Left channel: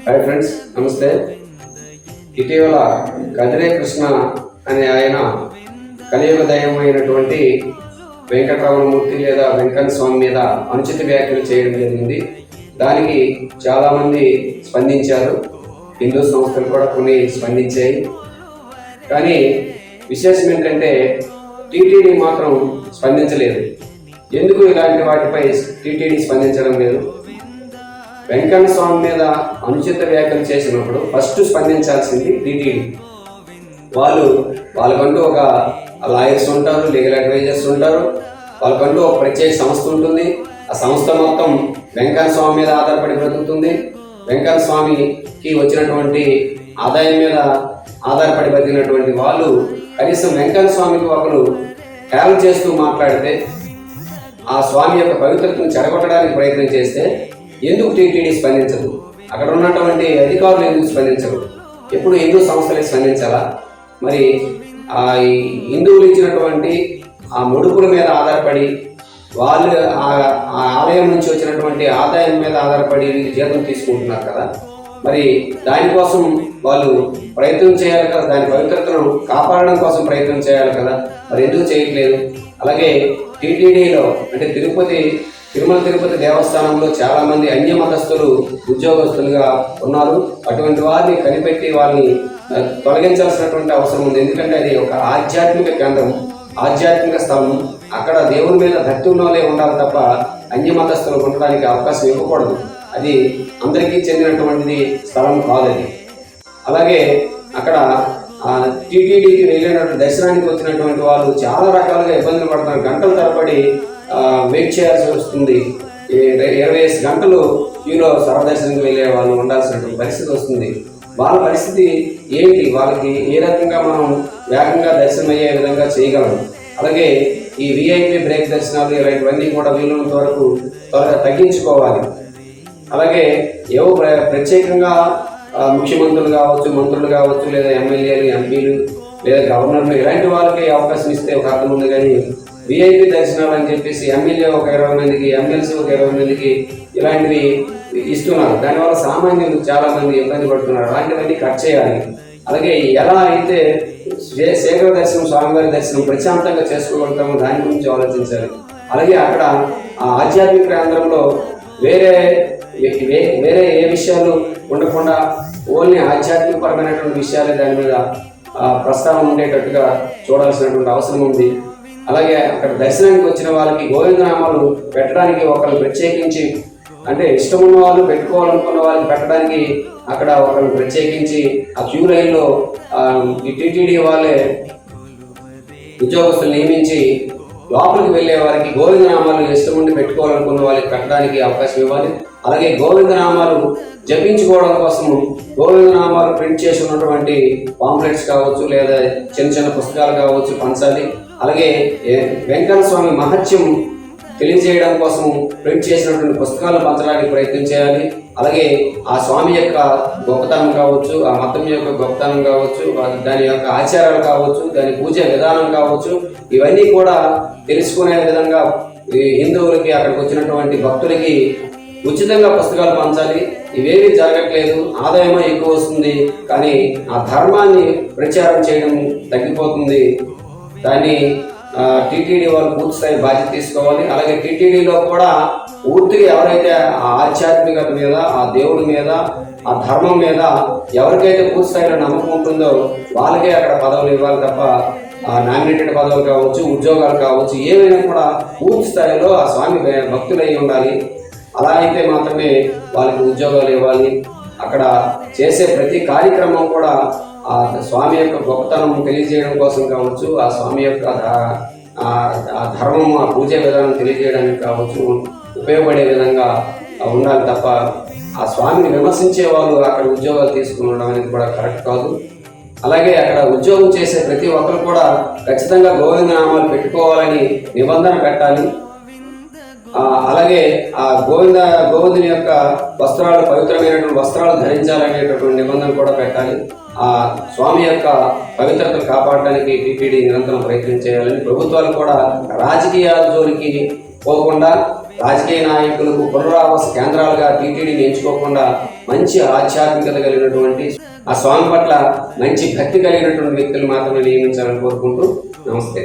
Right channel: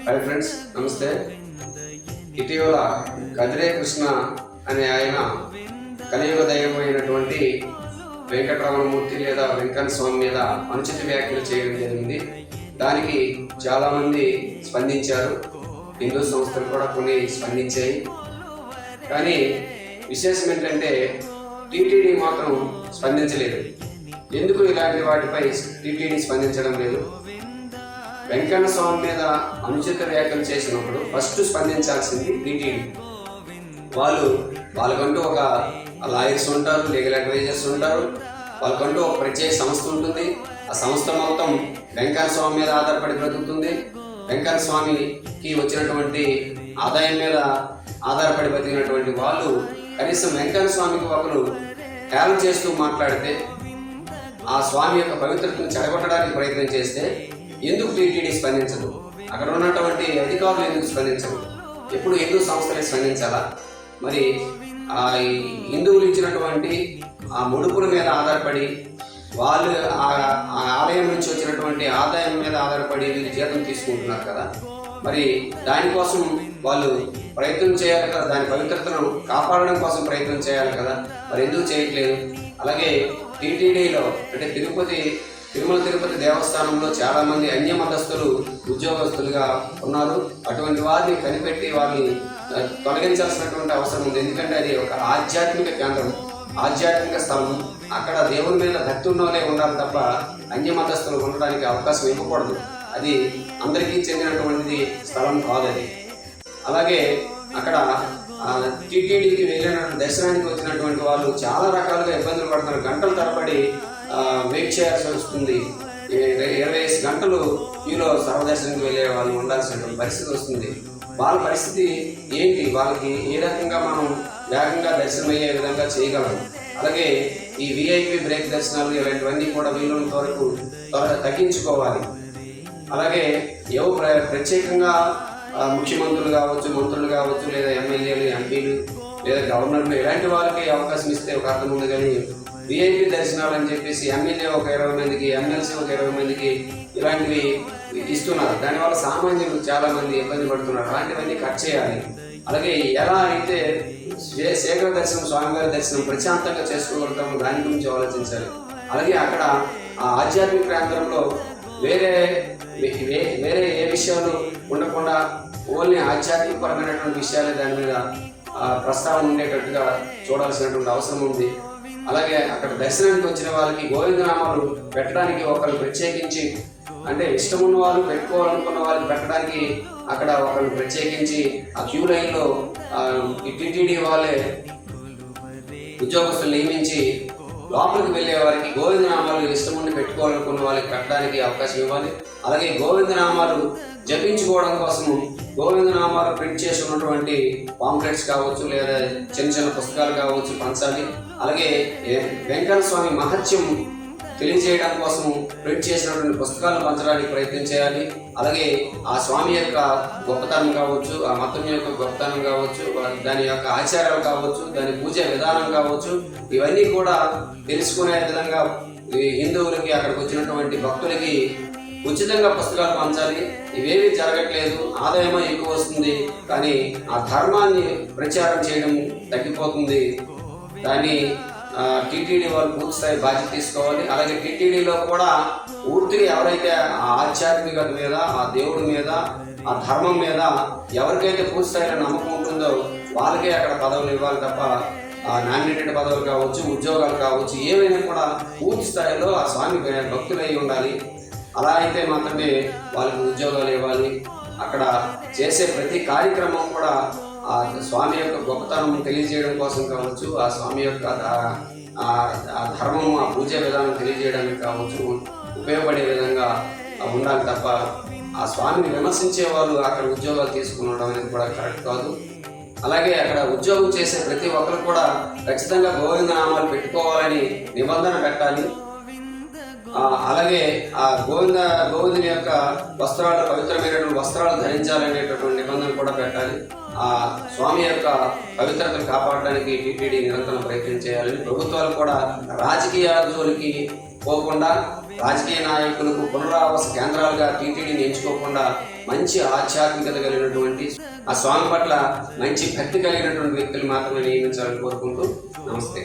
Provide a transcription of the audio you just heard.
Hi friends, నమస్తే. ఇటీవల కదిరే కృష్ణ అనే ఆయన కలియుగ దైవమైనటువంటి వెంకటరమణమూర్తి లేదా వెంకన్న స్వామి మీద అనుచిత వ్యాఖ్యలు చేయడం జరిగింది. దానికి చాలామంది స్పందించారు. హిందూ సంస్థలు కూడా కొన్ని స్పందించాయి. కానీ విశేషం ఏంటంటే టీటీడీ మాత్రం స్పందించలేదు. ఎందుకు ఇలాంటి వాటిపై టీటీడీ స్పందించడం లేదు? వెంకన్న స్వామి మీద అనుచిత వ్యాఖ్యలు చేసినప్పుడు ఫస్ట్ స్పందించాల్సింది టీటీడీ. వాళ్ళకంటూ ఒక లాయర్స్ ఉంటారు, లీగల్ అడ్వైజర్స్ ఉంటారు, వాళ్ళకంటూ ఒక ప్రత్యేక సంస్థ ఉంటుంది. ఆ సంస్థ మొత్తం వెంకన్న స్వామి మీద ఆధారపడి బ్రతుకుతుంది. వెంకన్న స్వామికి వచ్చినటువంటి ఆదాయం మీద ఆధారపడి బతికినటువంటి వాళ్ళు కనీసం వెంకన్న స్వామికి ఒకరు హేళన చేస్తూ మాట్లాడితే, ఆ స్వామి యొక్క పవిత్రతను చెడగొట్టడానికి ప్రయత్నం చేస్తే ఎందుకు టీటీడీ స్పందించదు? అక్కడ ఉన్నటువంటి అధికారులు ఎందుకు స్పందించరు? ఎప్పుడు హిందూ సంస్థలకు స్పందించాలా? మరి ఈ హిందువులు ఇచ్చినటువంటి ఆ ముడుపుల మీద ఆధారపడి వాళ్ళు ఆ ఆలయం నుంచి వచ్చినటువంటి ఆదాయం మీద ఆధారపడి జీతం తీసుకుంటున్నారు కదా, మరి దానికోసం వాళ్ళు ప్రయత్నం చేయాలి కదా, దాని పవిత్రతను కాపాడడం కోసం ప్రయత్నం చేయాలి కదా, మరి ఎందుకు చేయట్లేదు? అలాగే టీటీడీలో అంటే తిరుమల తిరుపతి దేవస్థానంలో చాలామంది అన్య మతస్థులు ఉద్యోగస్తులుగా ఉన్నారు. అటువంటి వారిని కనిపెట్టి వాళ్ళని తొలగించాల్సినటువంటి అవసరం ఉంది. ఎందుకంటే అది ఒక ఆధ్యాత్మిక కేంద్రం, ఆధ్యాత్మిక స్థలం. అక్కడ దేవుని మీద భక్తి ఉన్నోలే ఉండాలి తప్ప అన్య మతస్థులు ఉండడానికి అవకాశం ఇవ్వకూడదు. అది అందరికీ చెందినటువంటిది స్థలం కాదు అది. అలాగే అక్కడ టీటీడీకి వెళ్ళినటువంటి దర్శనానికి వచ్చినటువంటి వాళ్ళు చాలా రకాలుగా ఇబ్బందులు పడుతున్నారు. గంటల తరబడి వెయిట్ చేయాల్సి వస్తుంది. 25 గంటలు క్యూలో సర్వదర్శనంకి వెళ్ళే వాళ్ళు ఉండాల్సినటువంటి పరిస్థితి వస్తుంది. వాళ్ళ పరిస్థితి ఏంటి? వాళ్ళకి ఏ రకంగా మనం వేగంగా దర్శనం అయ్యే విధంగా చేయగలం? అలాగే ఈ విఐపి బ్రేక్ దర్శనాలు ఇలాంటివన్నీ కూడా వీలున్నంత వరకు త్వరగా తగ్గించుకోవాలి. అలాగే ఏవో ప్రత్యేకంగా ముఖ్యమంత్రులు కావచ్చు, మంత్రులు కావచ్చు, లేదా ఎమ్మెల్యేలు, ఎంపీలు, లేదా గవర్నర్లు ఇలాంటి వాళ్ళకి అవకాశం ఇస్తే ఒక అర్థం ఉంది. కానీ విఐపి దర్శనాలు అని చెప్పేసి ఎమ్మెల్యే ఒక 20 మందికి, ఎమ్మెల్సీ ఒక 20 మందికి ఇలాంటివి ఇస్తున్నారు. దానివల్ల సామాన్యులు చాలా మంది ఇబ్బంది పడుతున్నారు. అలాంటివన్నీ కట్ చేయాలి. అలాగే ఎలా అయితే శేఖర దర్శనం, స్వామివారి దర్శనం ప్రశాంతంగా చేసుకోగలుగుతామో దాని గురించి ఆలోచించాలి. అలాగే అక్కడ ఆధ్యాత్మిక కేంద్రంలో వేరే ఏ విషయాలు ఉండకుండా ఓన్లీ ఆధ్యాత్మికపరమైనటువంటి విషయాలే దాని మీద ప్రస్తావన ఉండేటట్టుగా చూడాల్సినటువంటి అవసరం ఉంది. అలాగే అక్కడ దర్శనానికి వచ్చిన వాళ్ళకి గోవిందనామాలు పెట్టడానికి ఒకరు ప్రత్యేకించి, అంటే ఇష్టం ఉన్న వాళ్ళు పెట్టుకోవాలనుకున్న వాళ్ళకి పెట్టడానికి అక్కడ ఒకరు ప్రత్యేకించి ఆ క్యూ లైన్లో ఈ టీటీడీ వాళ్ళే ఉద్యోగస్తులు నియమించి లోపలికి వెళ్ళే వారికి గోవిందనామాలు ఇష్టం ఉండి పెట్టుకోవాలనుకున్న వాళ్ళకి పెట్టడానికి అవకాశం ఇవ్వాలి. అలాగే గోవిందనామాలు జపించుకోవడం కోసం గోవిందనామాలు ప్రింట్ చేసి ఉన్నటువంటి పాంప్లెట్స్ కావచ్చు, లేదా చిన్న చిన్న పుస్తకాలు కావచ్చు పంచాలి. అలాగే వెంకన్న స్వామి మహత్యం తెలియజేయడం కోసం ప్రింట్ చేసినటువంటి పుస్తకాలు పంచడానికి ప్రయత్నం చేయాలి. అలాగే ఆ స్వామి యొక్క గొప్పతనం కావచ్చు, ఆ మతం యొక్క గొప్పతనం కావచ్చు, దాని యొక్క ఆచారాలు కావచ్చు, దాని పూజ విధానం కావచ్చు, ఇవన్నీ కూడా తెలుసుకునే విధంగా హిందువులకి, అక్కడికి వచ్చినటువంటి భక్తులకి ఉచితంగా పుస్తకాలు పంచాలి. ఇవేవి జరగట్లేదు. ఆదాయమో ఎక్కువ వస్తుంది, కానీ ఆ ధర్మాన్ని ప్రచారం చేయడం తగ్గిపోతుంది. దాన్ని టీటీడీ వాళ్ళు పూర్తి స్థాయి బాధ్యత తీసుకోవాలి. అలాగే టీటీడీలో కూడా పూర్తిగా ఎవరైతే ఆ ఆధ్యాత్మికత మీద, ఆ దేవుడి మీద, ఆ ధర్మం మీద ఎవరికైతే పూర్తి స్థాయిలో నమ్మకం ఉంటుందో వాళ్ళకే అక్కడ పదవులు ఇవ్వాలి తప్ప నామినేటెడ్ పదవులు కావచ్చు, ఉద్యోగాలు కావచ్చు, ఏవైనా కూడా పూర్తి స్థాయిలో ఆ స్వామి భక్తులై ఉండాలి. అలా అయితే మాత్రమే వాళ్ళకి ఉద్యోగాలు ఇవ్వాలి. అక్కడ చేసే ప్రతి కార్యక్రమం కూడా ఆ స్వామి యొక్క గొప్పతనం తెలియజేయడం కోసం కావచ్చు, ఆ స్వామి యొక్క ఆ ధర్మము, ఆ పూజ విధానం తెలియజేయడానికి కావచ్చు ఉపయోగపడే విధంగా ఉండాలి తప్ప ఆ స్వామిని విమర్శించే వాళ్ళు అక్కడ ఉద్యోగాలు తీసుకునడం అనేది కూడా కరెక్ట్ కాదు. అలాగే అక్కడ ఉద్యోగం చేసే ప్రతి ఒక్కరు కూడా ఖచ్చితంగా గోవిందనామాలు పెట్టుకోవాలని నిబంధన పెట్టాలి. అలాగే ఆ గోవిందుని యొక్క వస్త్రాలు పవిత్రమైనటువంటి వస్త్రాలు ధరించాలనేటటువంటి నిబంధన కూడా పెట్టాలి. ఆ స్వామి యొక్క పవిత్రతను కాపాడడానికి టీటీడీ నిరంతరం ప్రయత్నం చేయాలని, ప్రభుత్వాలు కూడా రాజకీయాల జోలికి పోకుండా రాజకీయ నాయకులకు పునరావాస కేంద్రాలుగా టీటీడీని ఎంచుకోకుండా మంచి ఆధ్యాత్మికత కలిగినటువంటి ఆ స్వామి పట్ల మంచి భక్తి కలిగినటువంటి వ్యక్తులు మాత్రమే నియమించాలని కోరుకుంటూ నమస్తే.